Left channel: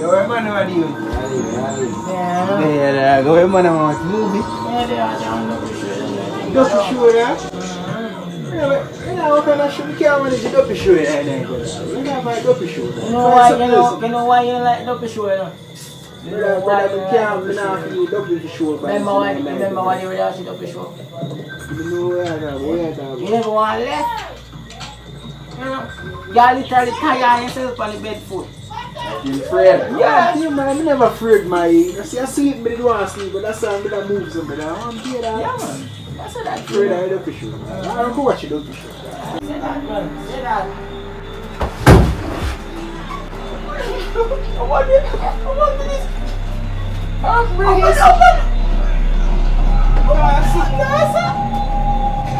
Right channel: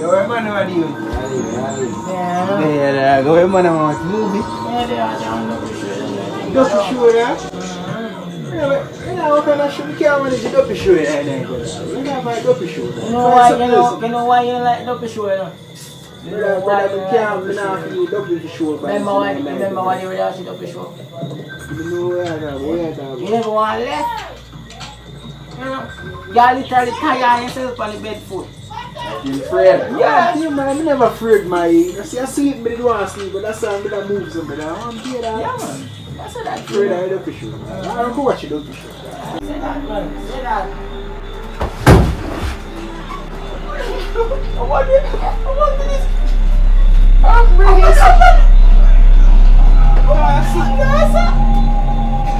Yo, where man are you? Yeah. Go where man are you? Movie? Yeah, they are down Duppy show. Duppy show, yeah? You know what kind of show? You can't manage the Duppy show, yeah? You know my Duppy show. You know why you like Duppy show, you know? Brother, I can't feel Duppy show. Remember when you were watching Duppy show? You know where You never want left. You know? Y'all literally tired yourself on the bed foot. You afraid? Yeah, man, I'm never afraid, my. I sleep, but I don't want to sleep, but that's why I'm going to move somebody. I want to hear that. Yeah, man. That's what that's afraid of Duppy show. I don't go watch the Duppy show. Say that, man. Say that. I want this. I'm bringing it up.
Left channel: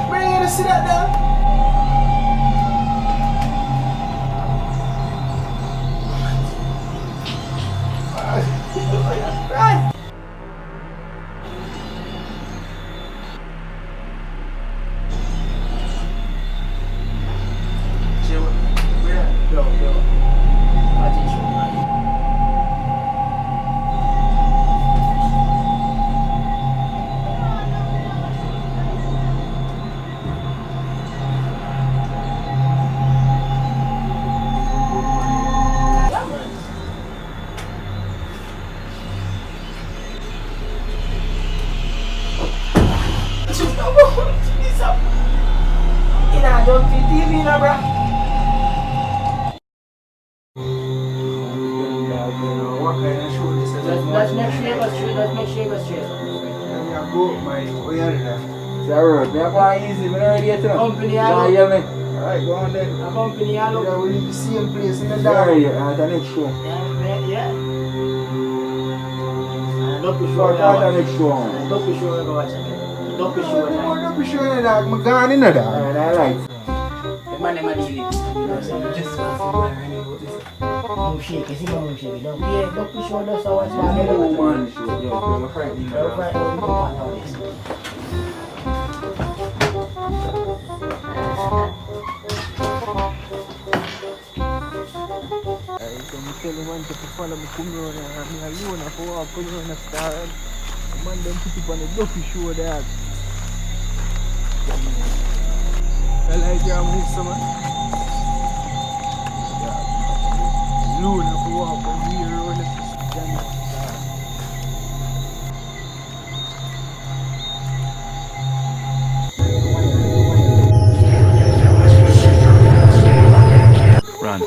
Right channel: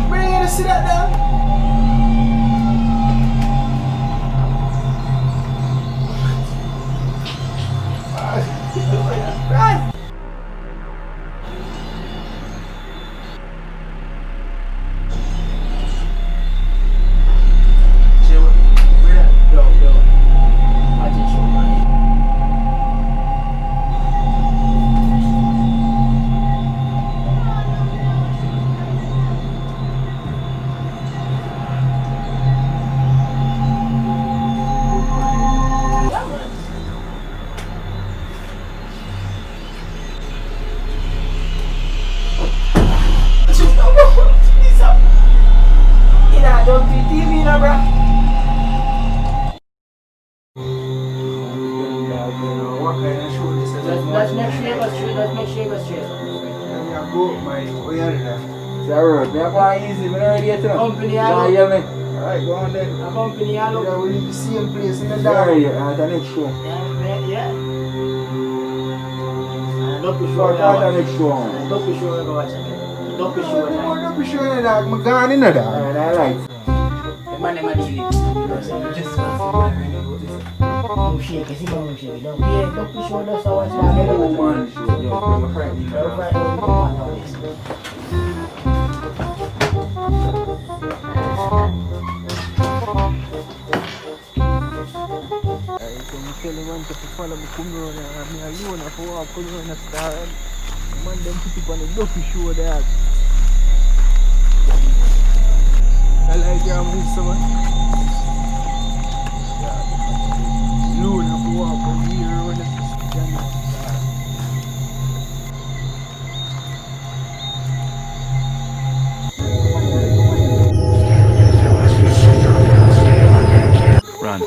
Bring it to sit that down. Right. Yo. Magic show, man. Don't be TV now, bro. What kind of show this is? Let's make sure you go straight. Yeah, go, my. Oh, yeah, Sarah, me are going easy. Me not ready yet. Company, Nah, hear me. Alright, go on then. a company, I look. Yeah, we leave the same place in the dark. Yeah, the next show. Yeah. Duppy show. What the next show? Duppy show, I go watch again. Duppy show. Duppy show in the dark. I'm gone in the dark. I like. The man never did it. You know, so you just want to see when you go this. Move shake, you see my move shake. Don't yeah, Duppy show does so much. Man show. Yo, you're frightening me. Don't fight over the one nowadays. I'm telling man to follow me come around and me alone for walk come around and start. Man them put up on the Duppy show there. I like your miss man. Yeah, alone for walk from here around and stand up. Run.